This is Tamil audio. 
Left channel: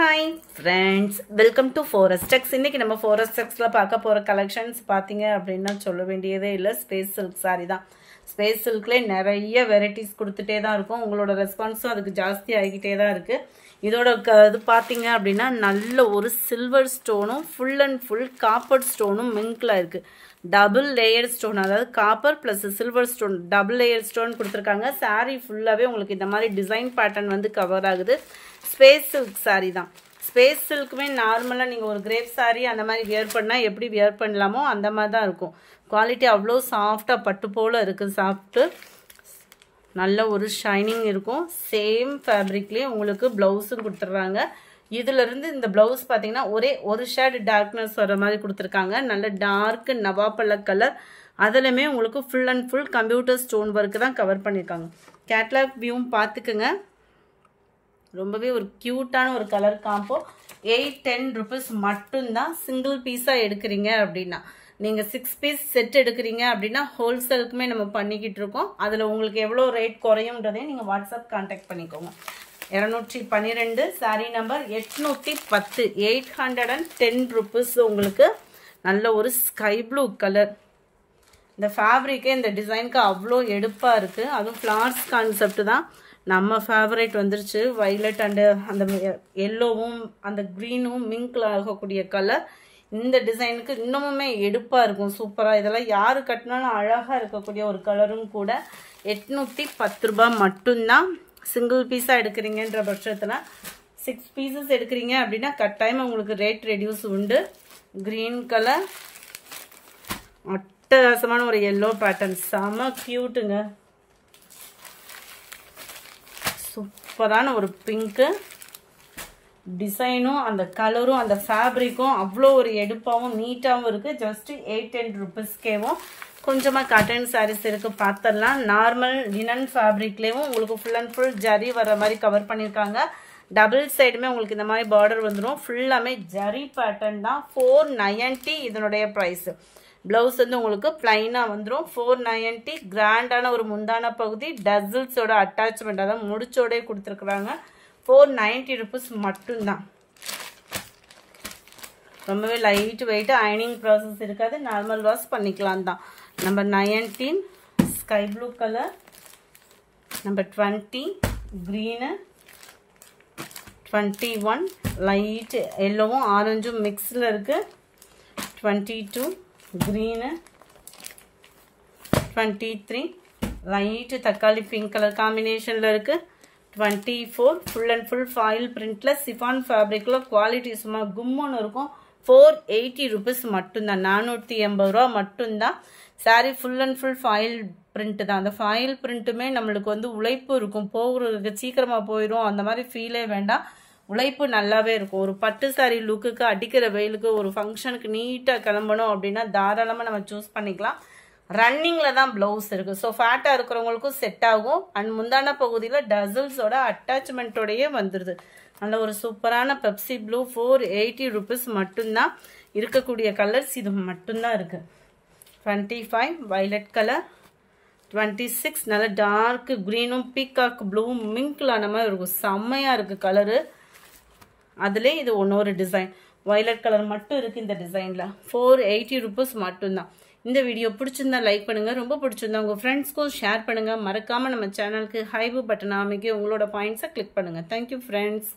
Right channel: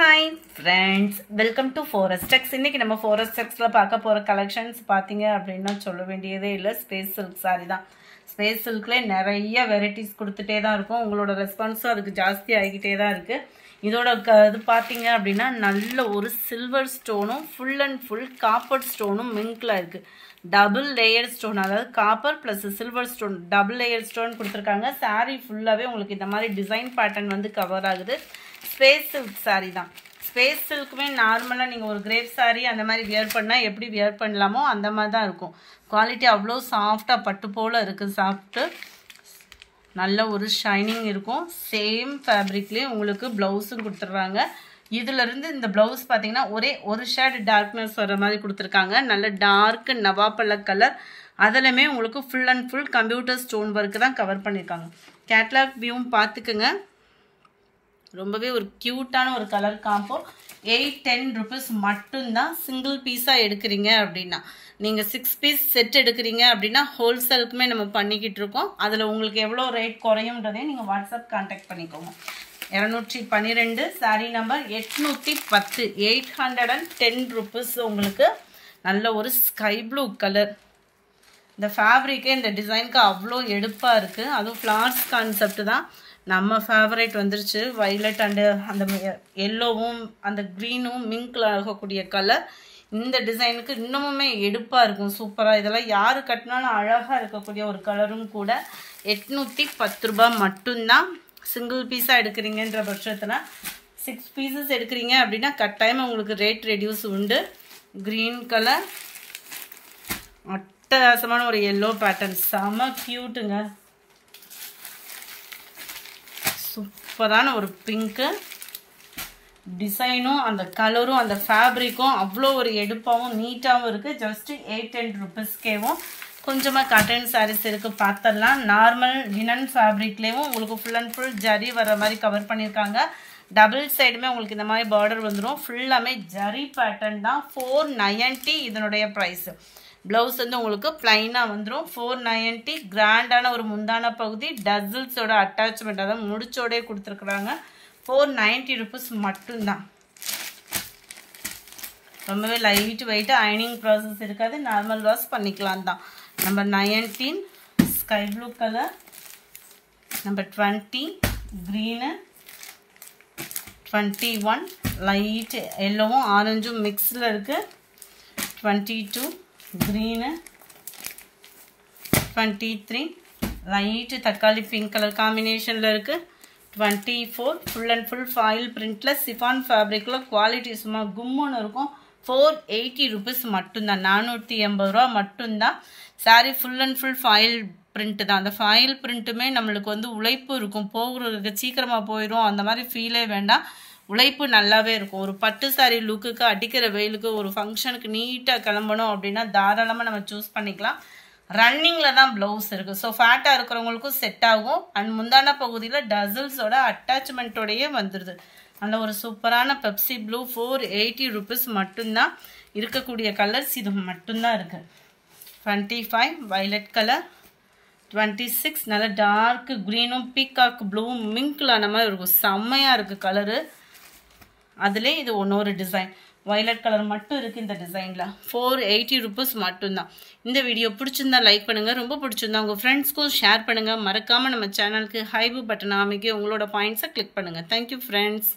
Hi friends, welcome to Forestex. இன்னைக்கு நம்ம Forestexல பார்க்க போற கலெக்ஷன்ஸ் பாத்தீங்க அப்படினா சொல்ல வேண்டியதே இல்ல. ஸ்பேஸ் சில்க் saree தான். ஸ்பேஸ் சில்க்ல நிறைய வெரைட்டிஸ் கொடுத்துட்டே தான் இருக்கும். உங்களோட ரெஸ்பான்ஸும் அதுக்கு ஜாஸ்தி ஆகிட்டே தான் இருக்கு. இதோட இது பாத்தீங்க அப்படினா நல்ல ஒரு சில்வர் ஸ்டோனும் ஃபுல் அண்ட் ஃபுல் காப்பர் ஸ்டோனும் மிங்க்ல இருக்கு. டபுள் லேயர் ஸ்டோன், அதாவது copper plus silver stone double layer stone கொடுத்துருக்காங்க. saree ஃபுல்லாவே உங்களுக்கு இந்த மாதிரி டிசைன் பேட்டர்ன் வந்து கவர் ஆகுது. ஸ்பேஸ் சில்க் saree தான். ஸ்பேஸ் சில்க்குமே நார்மலாக நீங்கள் ஒரு கிரேப் saree அந்த மாதிரி வியர் பண்ணால் எப்படி வியர் பண்ணலாமோ அந்த மாதிரி தான் இருக்கும். குவாலிட்டி அவ்வளோ சாஃப்டாக பட்டு போல் இருக்குது. சாஃப்ட்டு நல்ல ஒரு ஷைனிங் இருக்கும். சேம் ஃபேப்ரிக்லேயே உங்களுக்கு ப்ளவுஸும் கொடுத்துட்றாங்க. இதிலிருந்து இந்த ப்ளவுஸ் பார்த்தீங்கன்னா ஒரே ஒரு ஷேட் டார்க்னஸ் வர மாதிரி கொடுத்துருக்காங்க. நல்ல டார்க் நவாப்பழ கலர். அதிலுமே உங்களுக்கு full and full computer stone work தான் கவர் பண்ணியிருக்காங்க. கேட்லாக் வியூவும் பார்த்துக்குங்க. ரொம்பவே ஒரு கியூட்டான ஒரு கலர் காம்போ. 810 rupees மட்டும்தான். சிங்கிள் பீஸாக எடுக்கிறீங்க அப்படின்னா, நீங்கள் 6 பீஸ் செட் எடுக்கிறீங்க அப்படின்னா ஹோல்சேலுக்குமே நம்ம பண்ணிக்கிட்டு இருக்கோம். அதில் உங்களுக்கு எவ்வளோ ரேட் குறையும்ன்றதையும் நீங்கள் வாட்ஸ்அப் கான்டாக்ட் பண்ணிக்கோங்க. 212 saree நம்பர் 810 810 rupees. உங்களுக்கு நல்ல ஒரு ஸ்கை ப்ளூ கலர். இந்த ஃபேப்ரிக்கே இந்த டிசைனுக்கு அவ்வளோ எடுப்பாக இருக்குது. அதுவும் ஃப்ளார்ஸ் கான்செப்ட் தான். நம்ம ஃபேவரேட் வந்துருச்சு. வைலட் அண்டு அந்த எல்லோவும் அந்த க்ரீனும் மிங்கில் ஆகக்கூடிய கலர் இந்த டிசைனுக்கு இன்னமுமே எடுப்பாக இருக்கும். சூப்பராக. இதெல்லாம் யார் கட்டினாலும் அழகாக இருக்கக்கூடிய ஒரு கலரும் கூட. 810 ரூபாய் மட்டும்தான். சிங்கிள் பீஸாக எடுக்கிறீங்கன்ற பட்சத்தில் 6 பீசஸ் எடுக்கிறீங்க அப்படின்னா கட்டாயம் உங்களுக்கு ரேட் ரெடியூஸ் உண்டு. க்ரீன் கலர் அட்டகாசமான ஒரு எல்லோ பேட்டர்ன், செம க்யூட்டுங்க. சூப்பரான ஒரு பிங்க்கு டிசைனும் அந்த கலரும் அந்த ஃபேப்ரிக்கும் அவ்வளோ ஒரு எடுப்பாகவும் நீட்டாகவும் இருக்குது. ஜஸ்ட்டு 810 rupeesக்கேவும் கொஞ்சமாக காட்டன் சாரீஸ் இருக்குது. பார்த்துடலாம். நார்மல் லினன் ஃபேப்ரிக்லேயும் உங்களுக்கு ஃபுல் அண்ட் ஃபுல் ஜரி வர மாதிரி கவர் பண்ணியிருக்காங்க. டபுள் சைடுமே உங்களுக்கு இந்த மாதிரி பார்டர் வந்துடும். ஃபுல்லாமே ஜரி பேட்டர்ன் தான். 490 இதனுடைய ப்ரைஸு. ப்ளவுஸ் வந்து உங்களுக்கு பிளைனாக வந்துடும். 490. கிராண்டான ஒரு முந்தான பகுதி டசில்ஸோட அட்டாச்மெண்ட், அதாவது முடிச்சோடே கொடுத்துருக்குறாங்க. 490 rupees மட்டும்தான். ரொம்பவே லைட் வெயிட். அயனிங் ப்ராசஸ் இருக்காது. நார்மல் வாஷ் பண்ணிக்கலாம் தான். Number 19 sky blue colour. Number 20 green. 21 light எல்லோவும் ஆரஞ்சும் மிக்ஸில் இருக்குது. 22 க்ரீனு. 23 லைட் தக்காளி பிங்க் கலர் காம்பினேஷனில் இருக்குது. 24 ஃபுல் அண்ட் ஃபுல் ஃபாயில் பிரிண்டில் சிஃபான் ஃபேப்ரிக்கில் குவாலிட்டி சும்மா கும்முன்னு இருக்கும். 480 rupees மட்டும்தான். 480 ரூபா மட்டும்தான். Saree full and full foil print தான். அந்த ஃபாயில் பிரிண்ட்டுமே நம்மளுக்கு வந்து உழைப்பு இருக்கும். போகிறதுக்கு சீக்கிரமாக போயிடும் அந்த மாதிரி ஃபீலே வேண்டாம். உழைப்பு நல்லாவே இருக்கும். ஒரு பட்டு சாரீ லுக்குக்கு அடிக்கிற வெயிலுக்கு ஒரு ஃபங்க்ஷனுக்கு நீட்டாக கிளம்பணும் அப்படின்னா தாராளமாக நம்ம சூஸ் பண்ணிக்கலாம். ரன்னிங்கில் தான் ப்ளவுஸ் இருக்குது. ஸோ ஃபேட்டாக இருக்கிறவங்களுக்கும் செட் ஆகும். அண்ட் முந்தான பகுதியில் டசில்ஸோட அட்டாச்மெண்ட்டோடையே வந்துடுது. நல்ல ஒரு சூப்பரான பெப்சி ப்ளூ. 480 rupees மட்டும்தான். இருக்கக்கூடிய கலர்ஸ் இது மட்டும்தான் இருக்குது. 25 வைலட் கலர். 26 நல்ல டார்க் க்ரீனும் பீகாக் ப்ளூவும் மிங்க்லான மாதிரி இருக்கும். செம்மையாக இருக்குது கலரு. அதிலே இது ஒன்னொரு டிசைன் வயலட் கலர் மட்டும் இருக்குது இந்த டிசைனில். 480 rupees மட்டும்தான். இந்த வீடியோ பிடிச்சிருந்தா லைக் பண்ணுங்கள். ரொம்ப பிடிச்சிருந்தா உங்கள் ஃப்ரெண்ட்ஸ்க்கும் ஷேர் பண்ணுங்கள். மறக்காமல் நம்ம சேனலுக்கு ஹைபு பட்டன் அமைக்க உங்களோட பாயிண்ட்ஸை கிளிக் பண்ணுங்கள். Thank you friends.